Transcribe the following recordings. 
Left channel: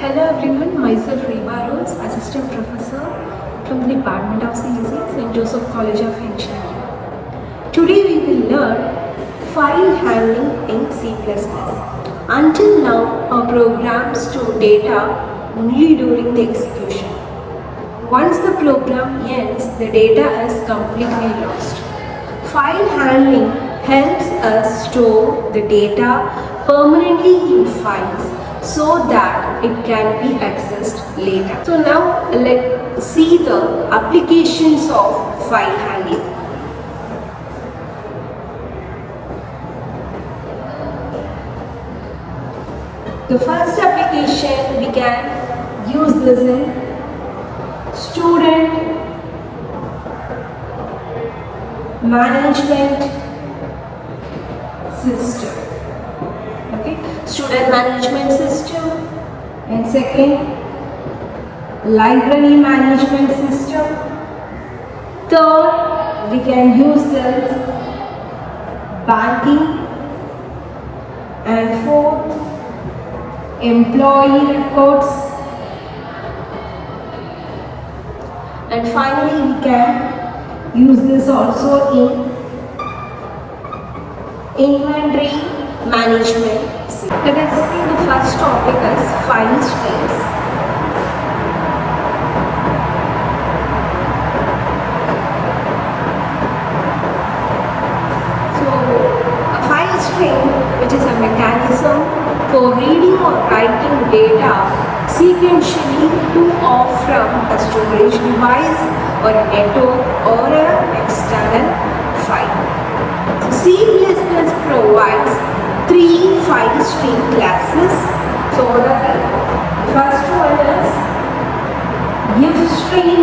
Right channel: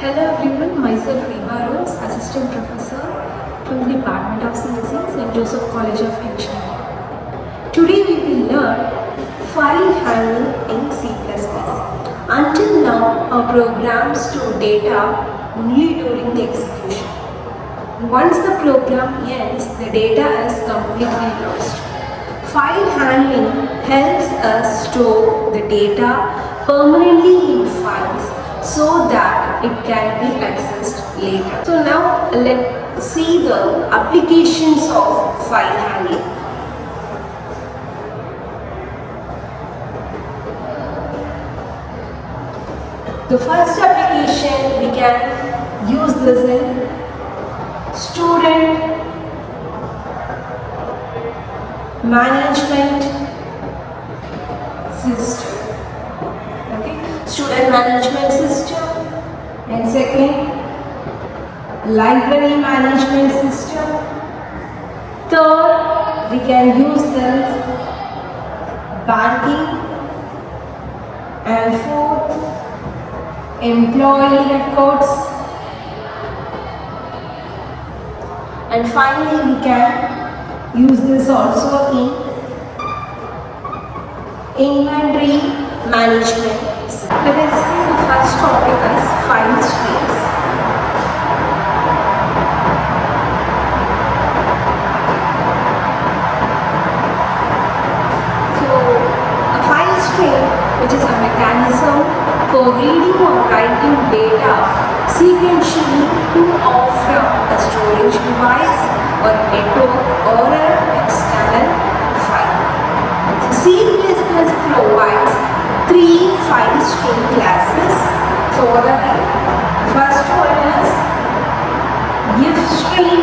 Hello everyone, myself Reeba, Assistant Professor from the Department of CSE, St. Joseph College of Engineering. Today we will learn file handling in C++. Until now, our programs store data only during the execution. Once the program ends, the data is completely lost. File handling helps us store the data permanently in files so that it can be accessed later. So now let's see the applications of file handling. The first application we can use this in student management system. Okay, student management system, and second, library management system. Third, we can use this banking, and fourth, employee records, and finally we can use this also in inventory management. Let us see the first topic as file streams. So a file stream, which is a mechanism for reading or writing data sequentially to or from a storage device or a network or an external file. So C++ provides three file stream classes. So the first one is if stream,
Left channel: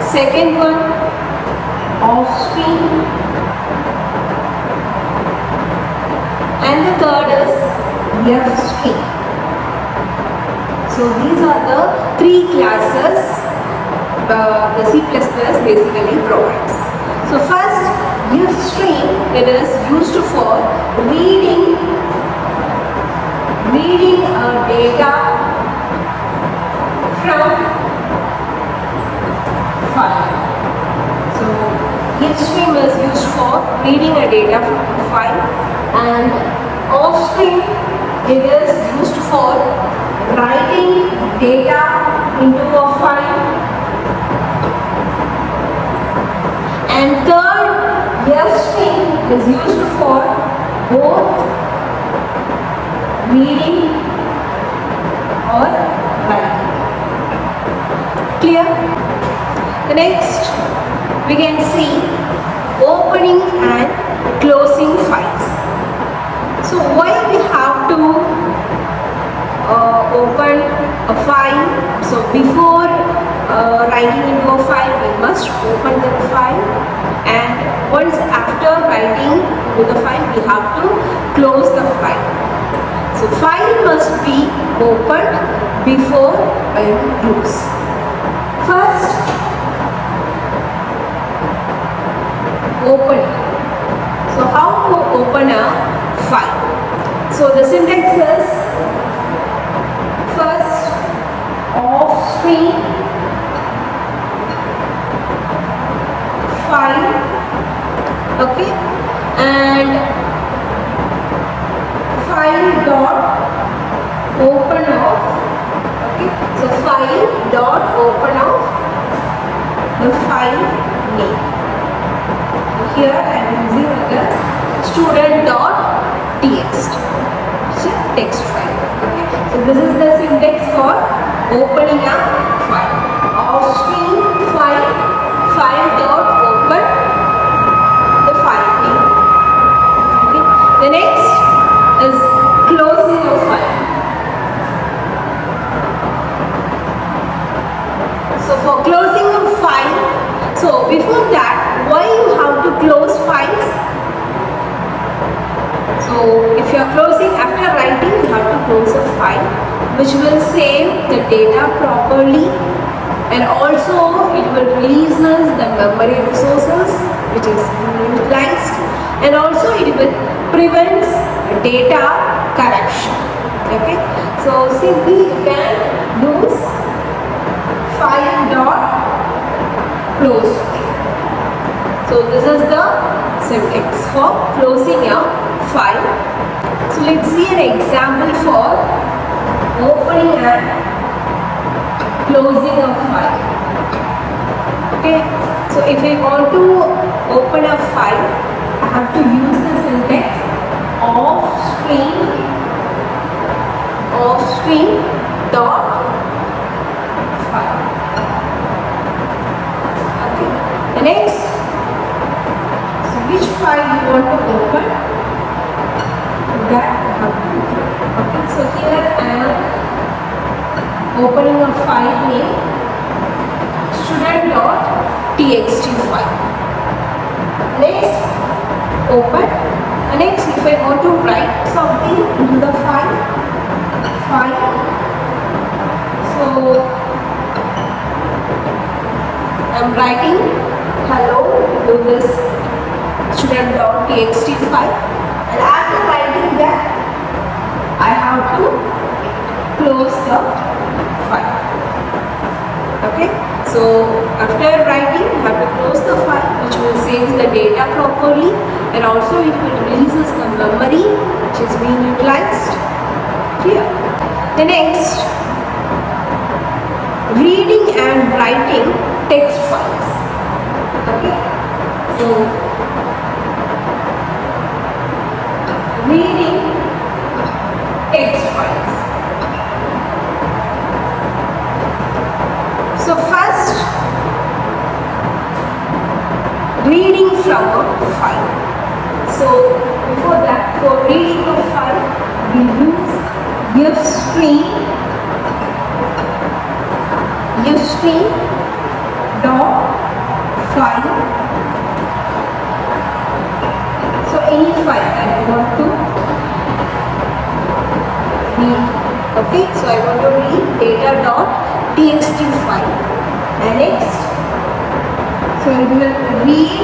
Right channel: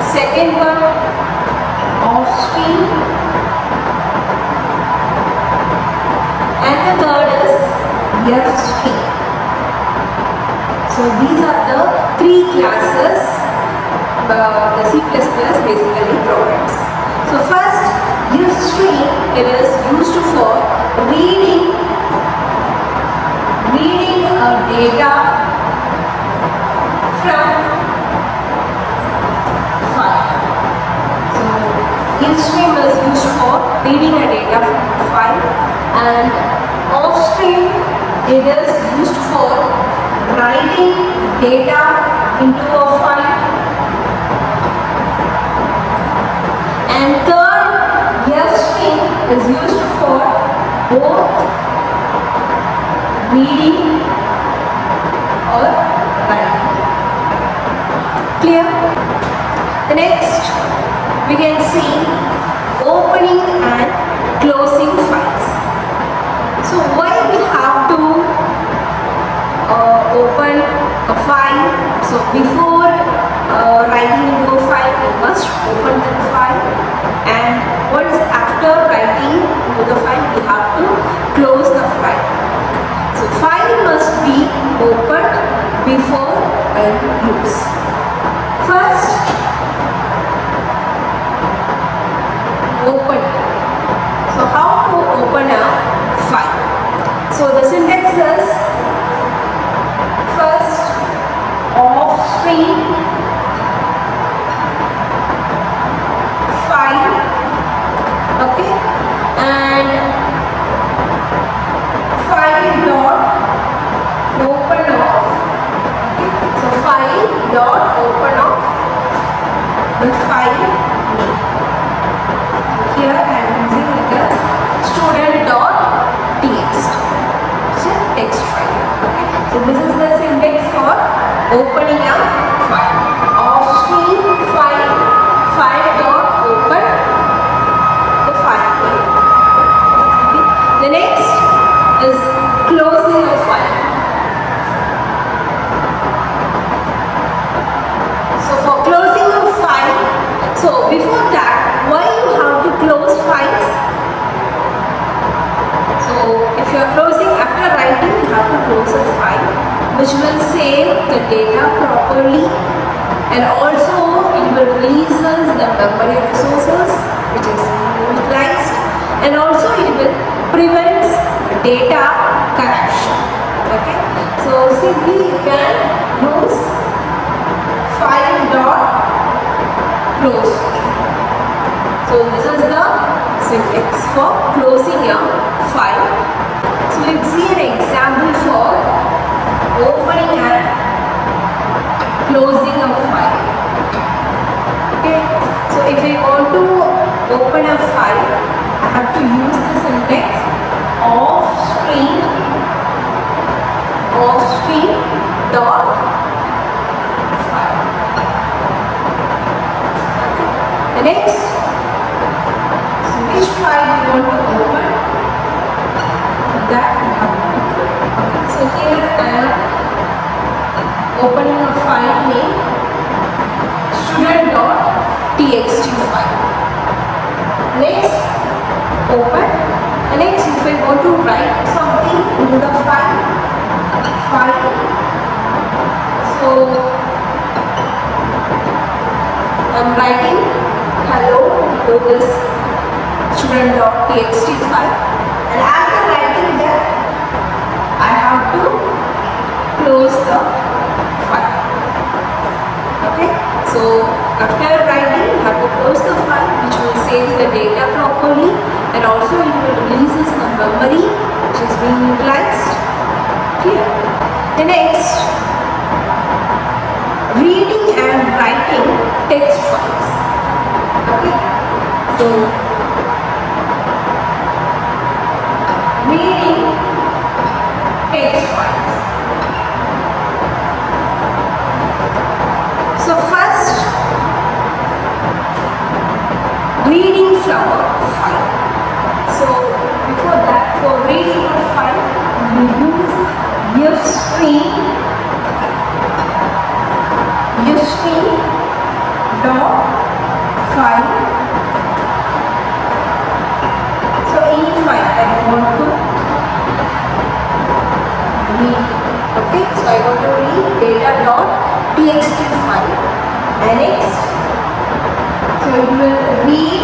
second one off stream, and the third is F stream. So these are the three classes the C++ basically provides. So first, if stream, it is used for reading data from file. So if stream is used for reading a data from file, and off stream it is used for writing data into a file, and third, F stream is used for both reading or writing. Clear? The next we can see opening and closing files. So why we have to open a file? So before writing into a file, we must open the file, and once after writing to the file, we have to close the file. So file must be opened before use. First, open. So how to open a file? So the syntax is first off stream file, okay, and file dot open off, okay. So file dot open off the file name. Here I am using it as student dot txt, so text file, okay. So this is the syntax for opening a file. Off stream file, file dot open the file name, okay. The next is closing a file. So for closing a file, so before that, why you have to close files? So if you are closing after writing, you have to close a file, which will save the data properly, and also it will releases the memory resources which is utilized, and also it will prevent data corruption. Okay, so simply you can use file dot close. So this is the syntax for closing a file. So let's see an example for opening and closing a file. Okay, so if I want to open a file, I have to use the syntax of string dot file. Okay. The next, so which file you want to open, that you have to do. Okay, so here I am opening a file name student.txt file. Next, open. Next, if I want to write something into the file, so I'm writing hello to this student.txt file, and after writing that, I have to close the file. Okay, so after writing, I have to close the file, which will save the data properly, and also it will releases the memory which is being utilized. Clear? The next, reading and writing text files. Okay, so reading text files. So first, reading from a file. So before that, for reading a file, you use fstring dot file. So any file I want to read. Okay, so I want to read data.txt file. And next, so it will read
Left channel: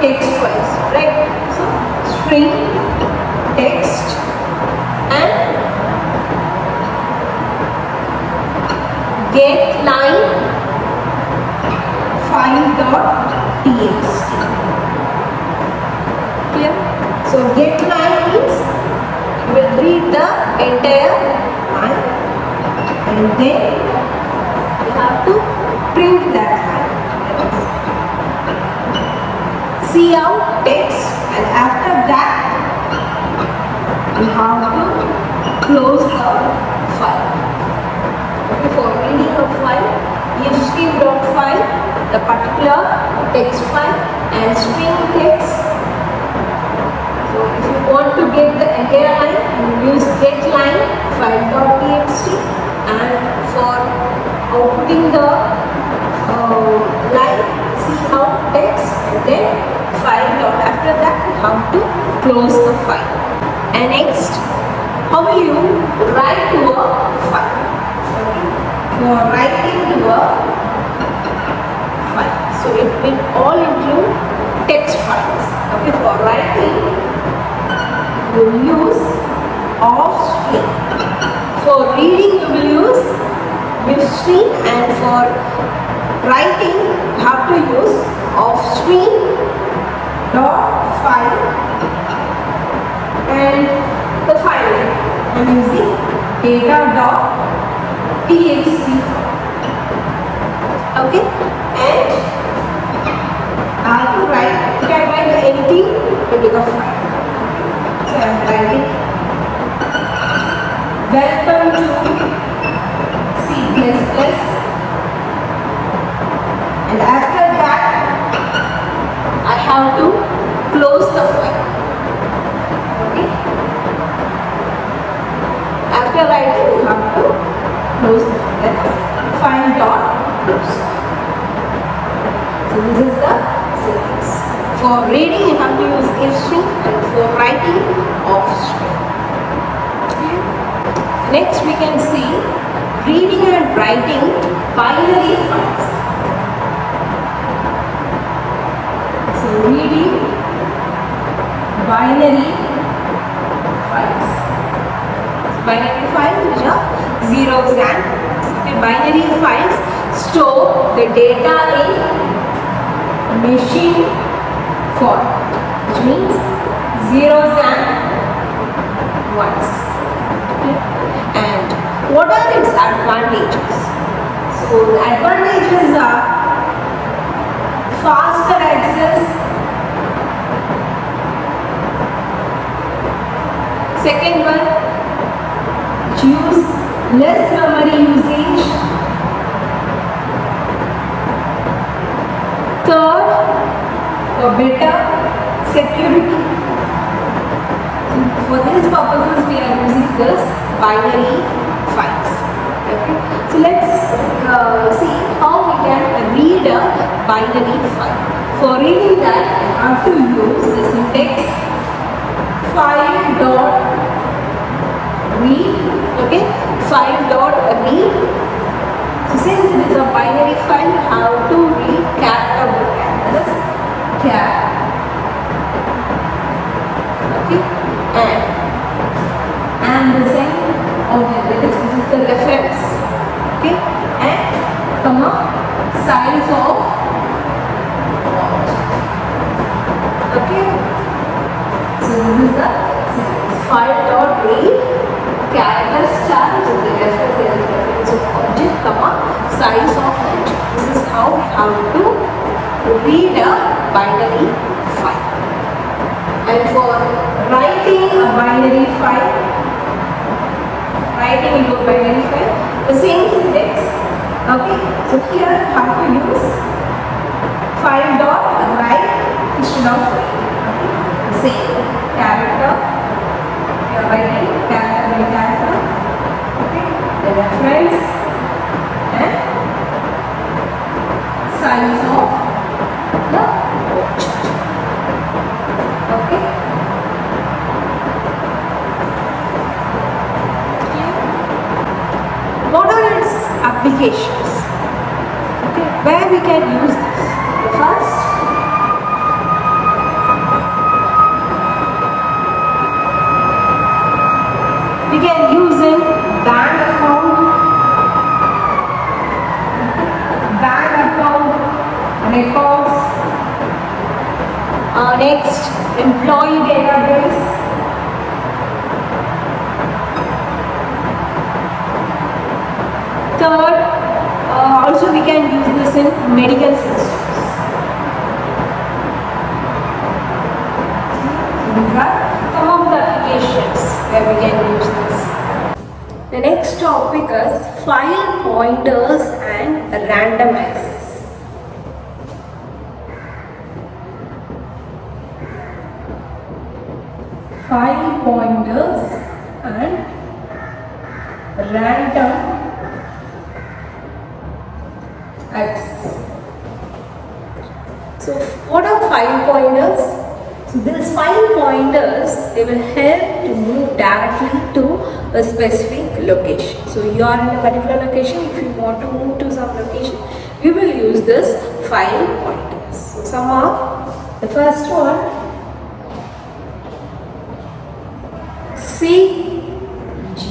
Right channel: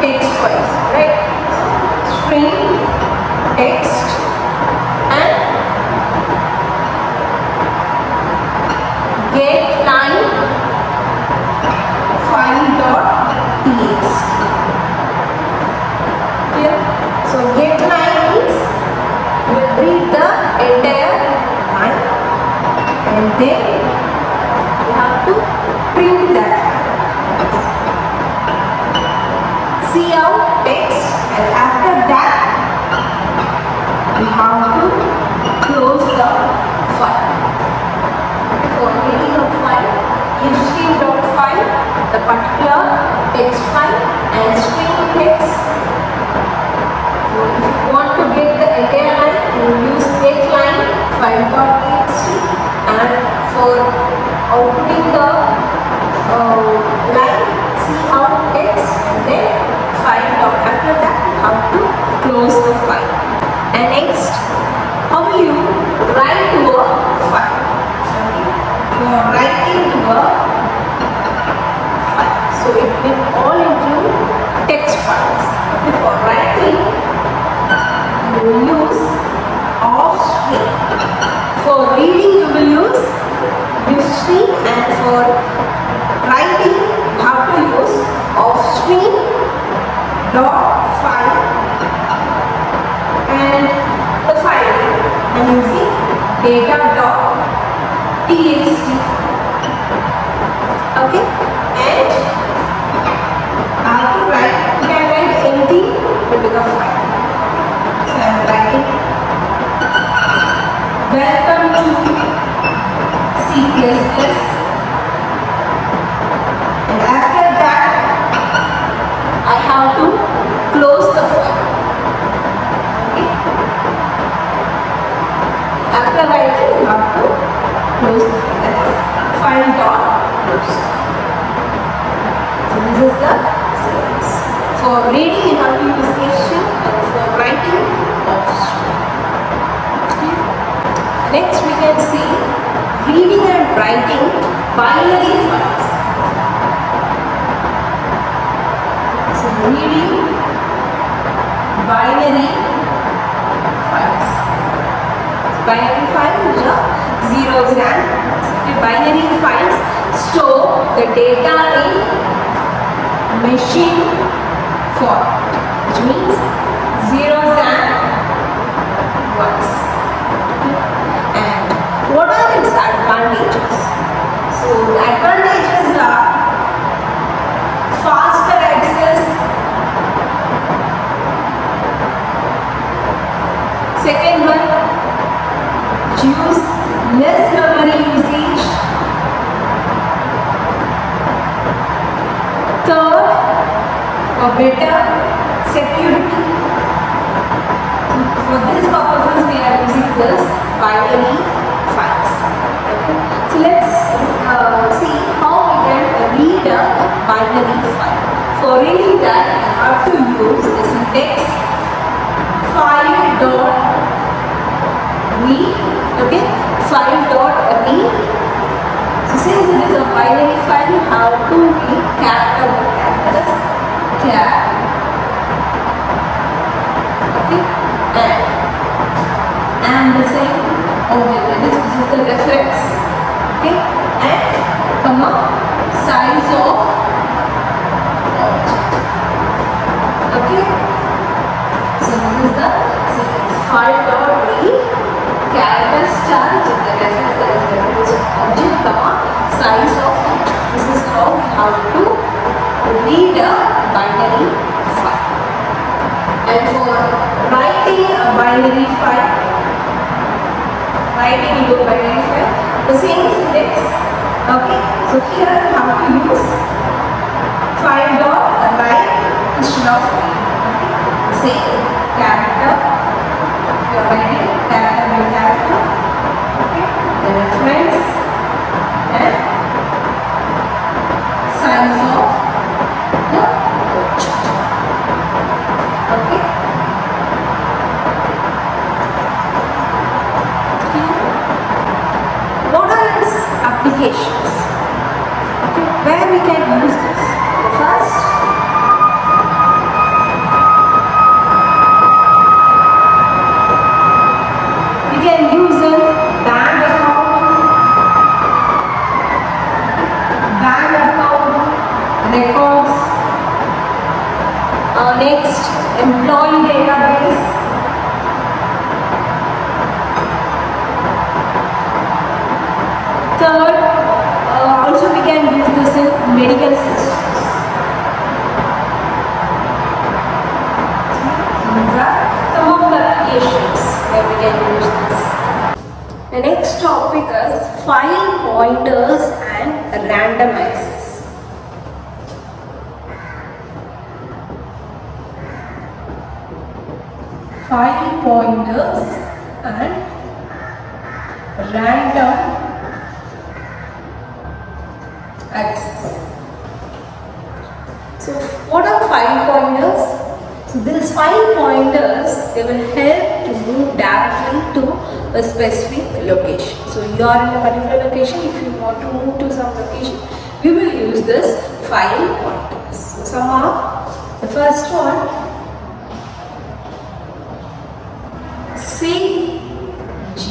text files, right? So string text and get line file.txt. Clear? So get line means you will read the entire line, and then you have to print that line. See out text, and after that you have to close the file. Okay, for reading a file, fstring.file, the particular text file, and string text. So if you want to get the entire line, you use get line file.txt, and for outputting the line, see out text, and then file down. After that, how to close the file. And next, how will you write to a file? For writing to a file, so it will all include text files. Okay, for writing, you will use offstring. For reading, you will use fstring, and for writing, you have to use offstring dot file and the file name. I'm using data.txt. Okay, and I have to write. You can write anything but with a file. So I am writing welcome to C++, and after that I have to close the file. Okay. After writing, you have to close the file. That is file dot close. So this is the syntax. For reading, you have to use fstring, and for writing, offstring. Okay. Next, we can see reading and writing binary files. So reading binary files. Binary file which are zeros and binary files store the data in machine format, which means zeros and ones. Okay. And what are its advantages? So the advantages are faster access. Second one, use less memory usage. Third, for better security. So for these purposes, we are using this binary files. Okay. So let's see how we can read a binary file. For reading that, you have to use the syntax file.read. Okay, file.read. So since it is a binary file, you have to read character by character. Char. Okay, and the same object, which is the reference. Okay, and comma size of object. Okay, so this is the file.read character star, which is the reference of object, comma size of object. This is how we have to read a binary file. And for writing a binary file, the same syntax. Okay, so here you have to use file.write instead of read. Okay, same character, you are writing character by character. Okay, the reference and size of the object. Okay. What are its applications? Okay, where we can use this? First, we can use in bank account, records. Next, employee database. Third, also we can use this in medical systems. These are some of the applications where we can use this. The next topic is file pointers and random access. File pointers and random access. So what are file pointers? So these file pointers, they will help to move directly to a specific location. So you are in a particular location, if you want to move to some location, we will use this file pointers. So some are, the first one, CG.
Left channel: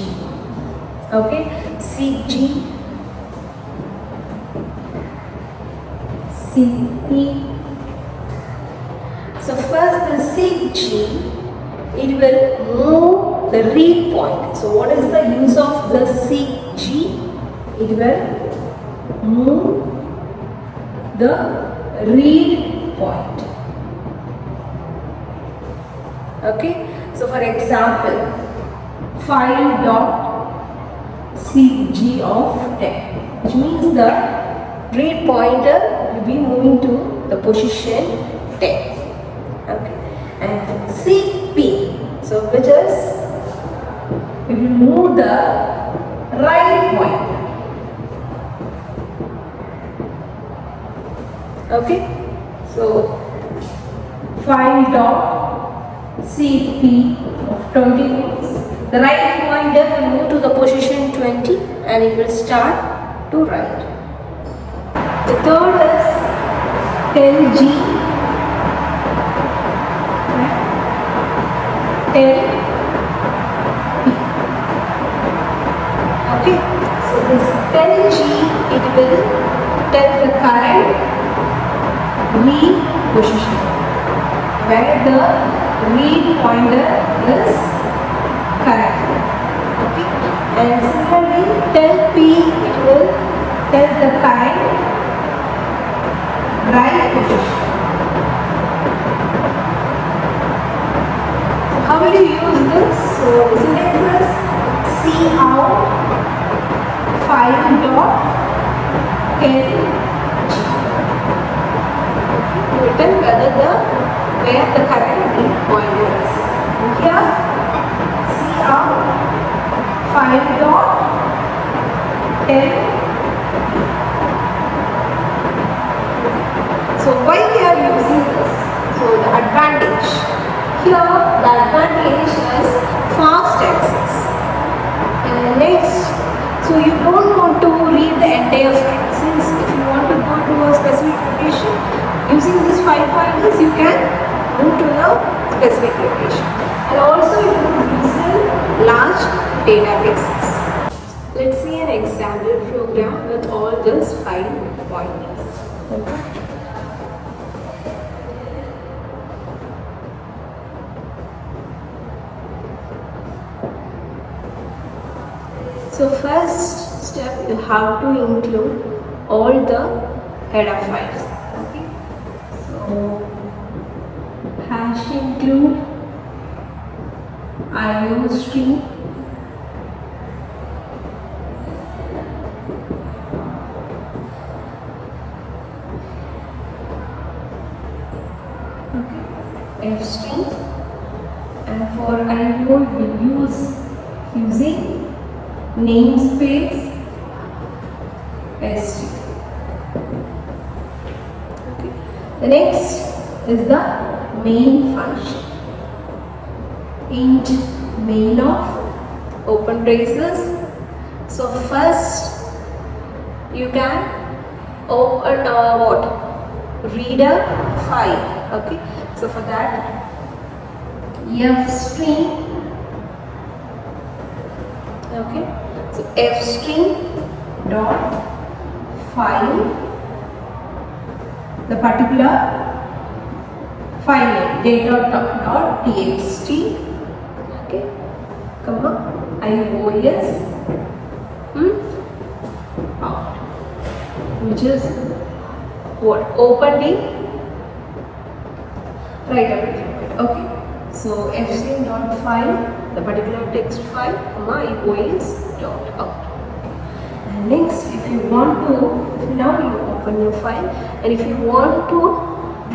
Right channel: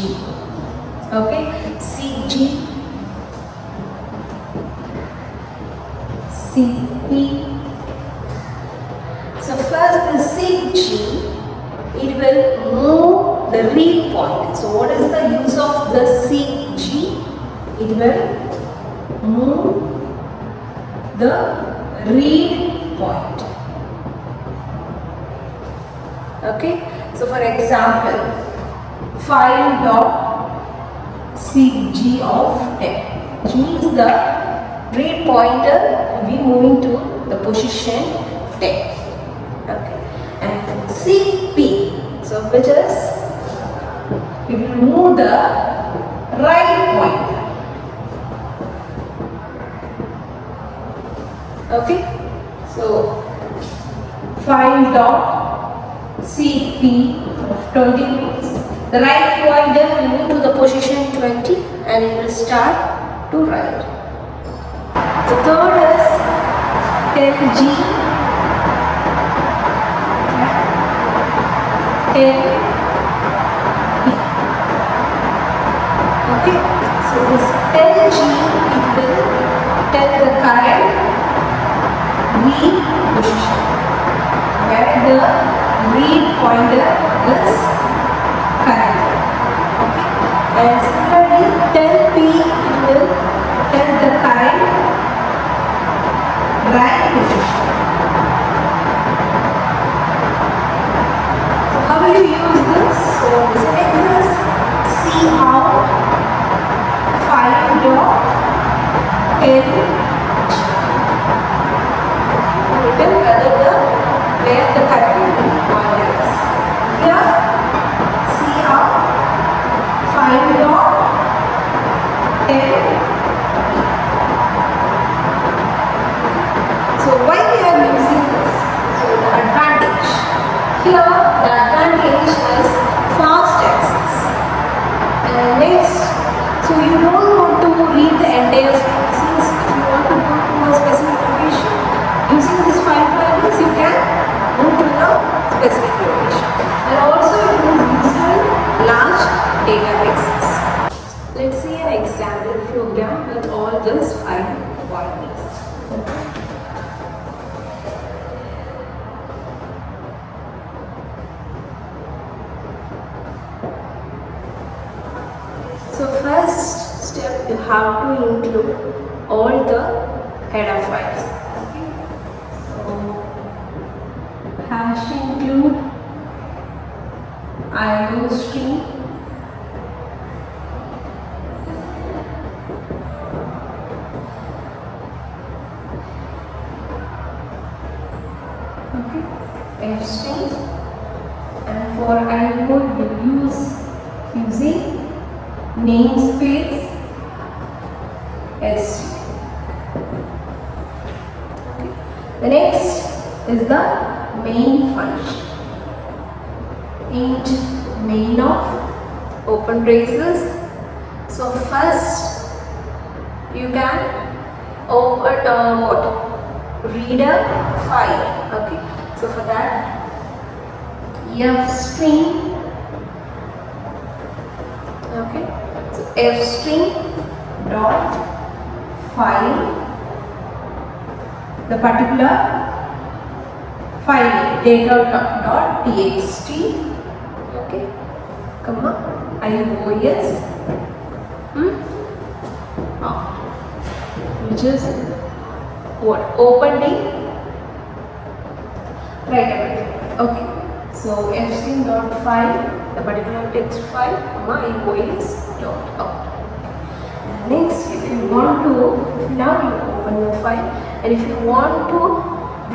Okay, CG, CP. So first the CG, it will move the read point. So what is the use of the CG? It will move the read point. Okay, so for example, file.cg of 10, which means the read pointer will be moving to the position 10. Okay, and CP, so which is, we will move the right pointer. Okay, so file.cp of 20 means the right pointer will move to the position 20 and it will start to write. The third is LG, LP. Okay, so this tell G, it will tell the current read position where the read pointer is currently. Okay, and similarly tell P, it will tell the current write position. So how will you use this? So this is see out 5 dot L written where the current pointer is. Here see out 5 dot L. So why we are using this? So the advantage. Here the advantage is fast access. Next, so you don't want to read the entire file. Since if you want to go to a specific location, using this file pointers you can go to the specific location. And also you can use large databases. Let's see an example program with all these file pointers. Okay. So first step, you have to include all the header files. Okay. So hash include IO stream, okay, F string, and for IO we will use using namespace S. Okay. The next is the main function. Int main of open braces. So first you can open read a file. Okay. So for that F string. Okay. So F string dot file, the particular file name data dot txt, okay, comma ios which is what opening right. Okay, so F string dot file, the particular text file, comma ios dot out. Next, if you want to, now you open your file, and if you want to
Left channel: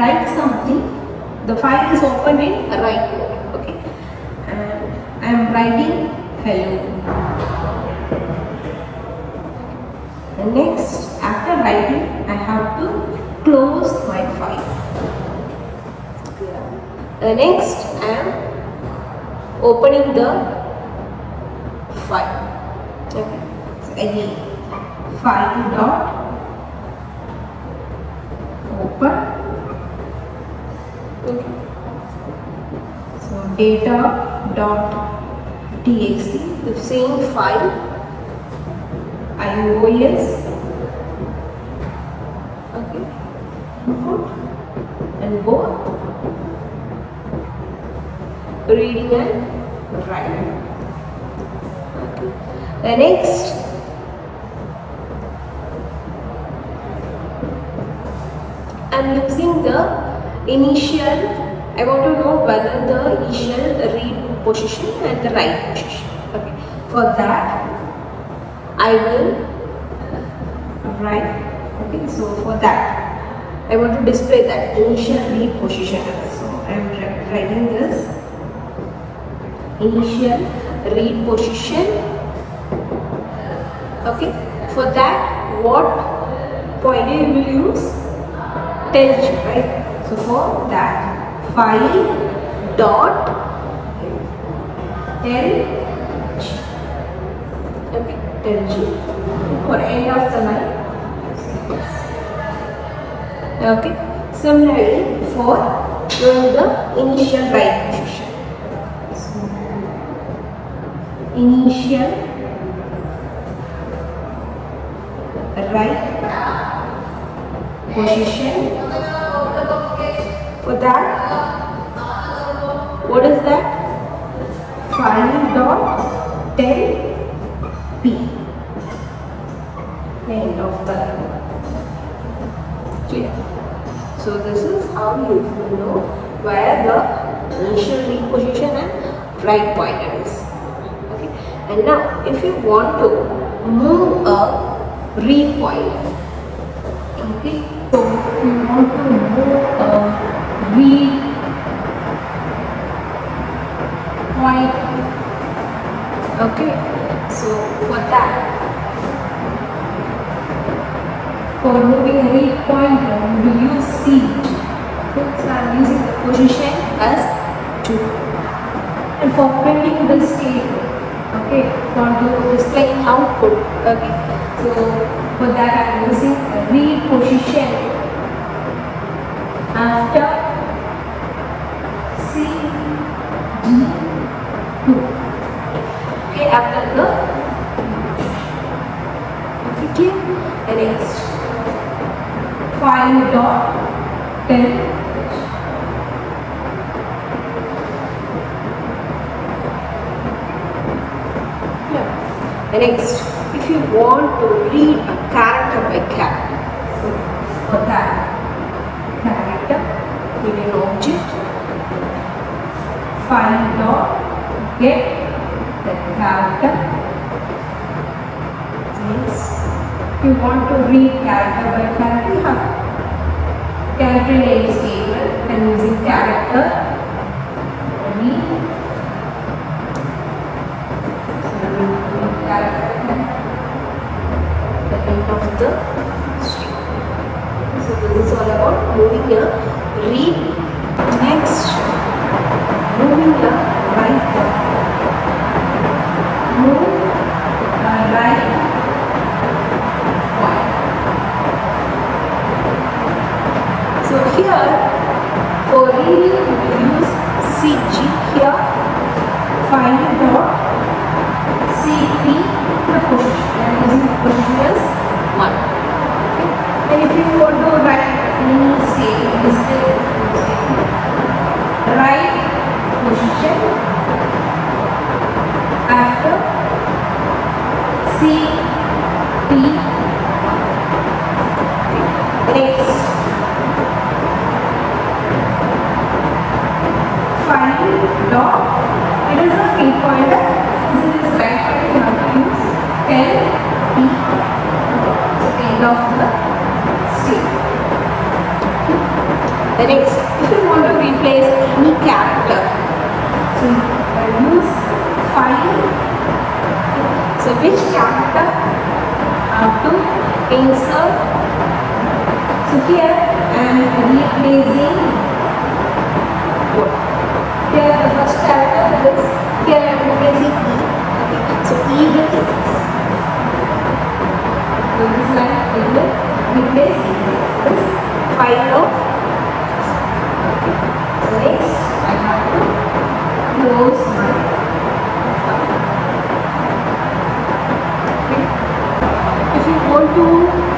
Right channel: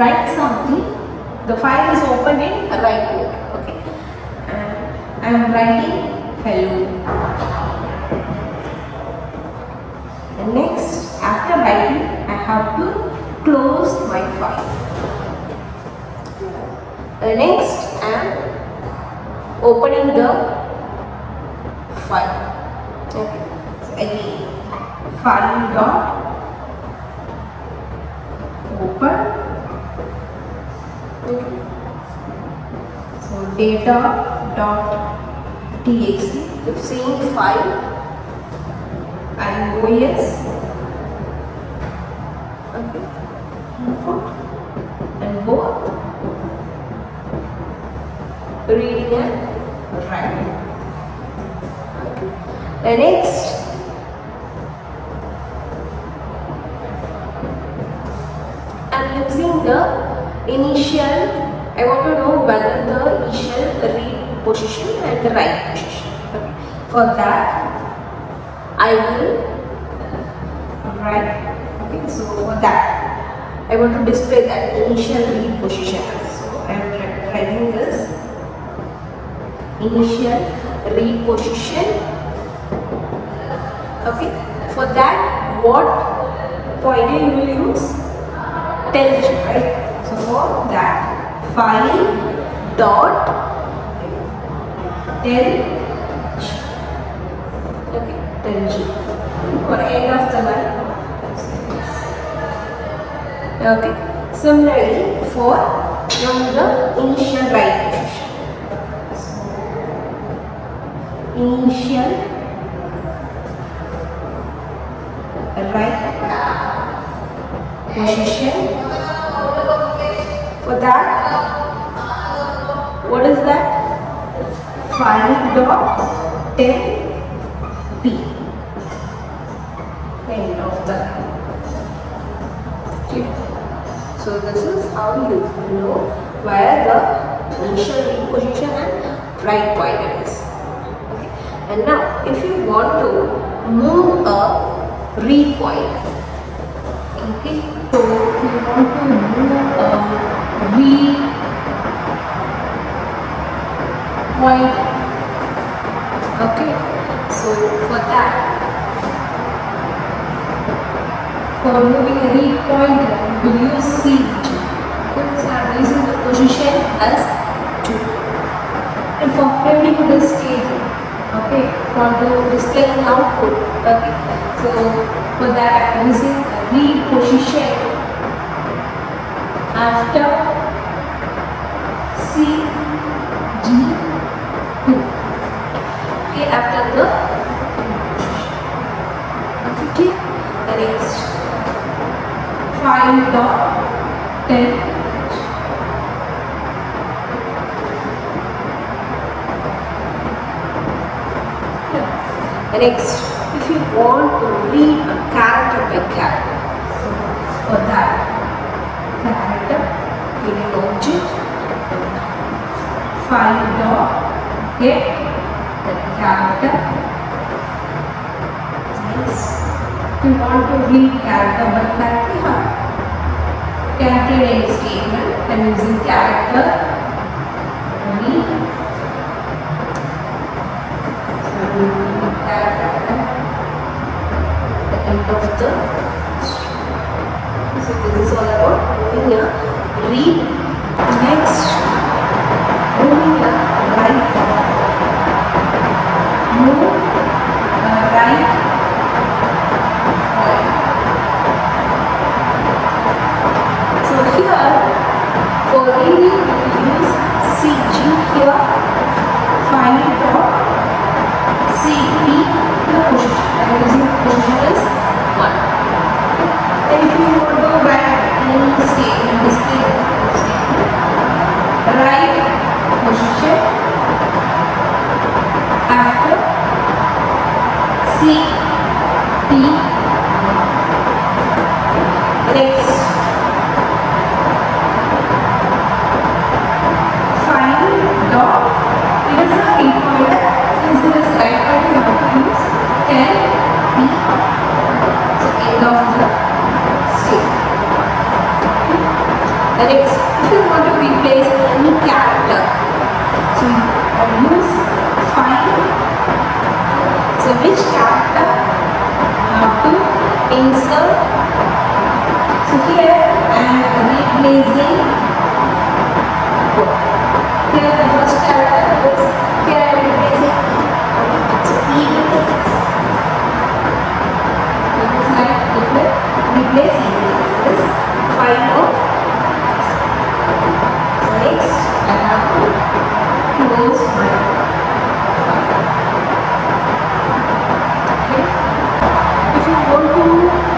write something, the file is opened in write mode. Okay, and I am writing hello. And next, after writing, I have to close my file. Next, I am opening the file. Okay, so again, file dot open. Okay. So data dot txt, the same file, iOS. Okay, input and both reading and writing. Okay. The next, I'm using the initial. I want to know whether the initial read position and the write position. Okay. For that, I will write. Okay. So for that, I want to display that initial read position. So I am writing this initial read position. Okay. For that, what pointer you will use? Tell G, right? So for that, file dot tell G. Okay, tell G. For end of the line. Okay. Similarly, for knowing the initial write position. So, initial right position. For that, what is that? 5.10p. End of the line. Okay. So this is how you know where the initial read position and right pointer is. Okay. And now, if you want to move a read pointer, okay. So if you want to move a read pointer, okay. So for that, for moving a read pointer, we will use seat. Okay, so I am using the position as 2. And for printing this table, okay, for the displaying output, okay. So for that I am using a read position after CD2. Okay, after the okay, the next 5.10. The next, if you want to read a character by character, so for that, character in an object, 5.get the character. Next, if you want to read character by character, you can print any statement and using character read. The end of the string. So this is all about moving a read. Next, moving a right point. Move a right point. So here, for reading, we use CG here. Find CP, the position. I am using the position as 1. Okay. And if you want to write any statement, right position after CP. Next, find dot. It is a 8-pointer. Since it is right pointer, you have to use 10p. So end of the statement. The next, if you want to replace any character, so you use find. So which character have to insert? So here I am replacing what? Here the first character is, here I am replacing E. Okay. So E is this line, it will replace this 5 of. So next I have to close my file. Okay. If you want to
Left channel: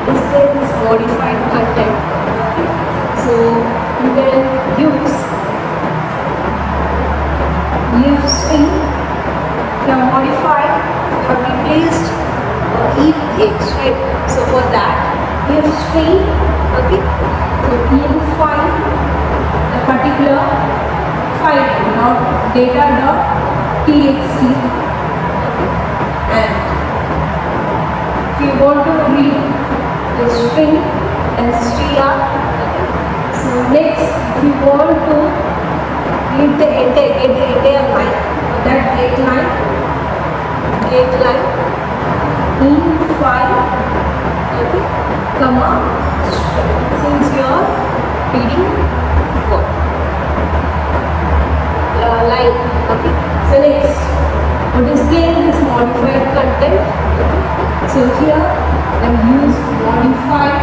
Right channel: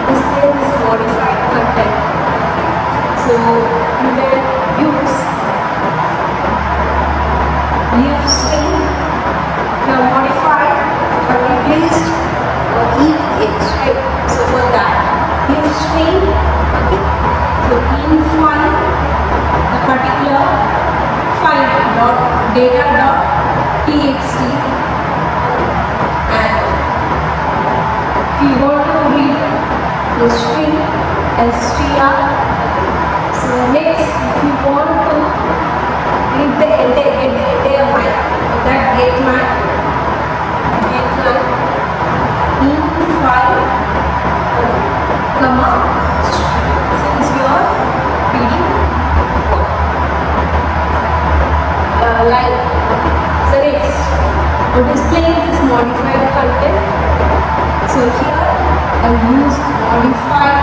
display this modified content, okay, so you can use leave string. You have modified, you have replaced E with X, right? So for that, leave string, okay. So find the particular file dot data dot txt, okay. And if you want to read the string str, so next if you want to read the entire line, that get line in file, okay, comma string. Since you are reading what line, okay. So next, for displaying this modified content, okay. So here I use modified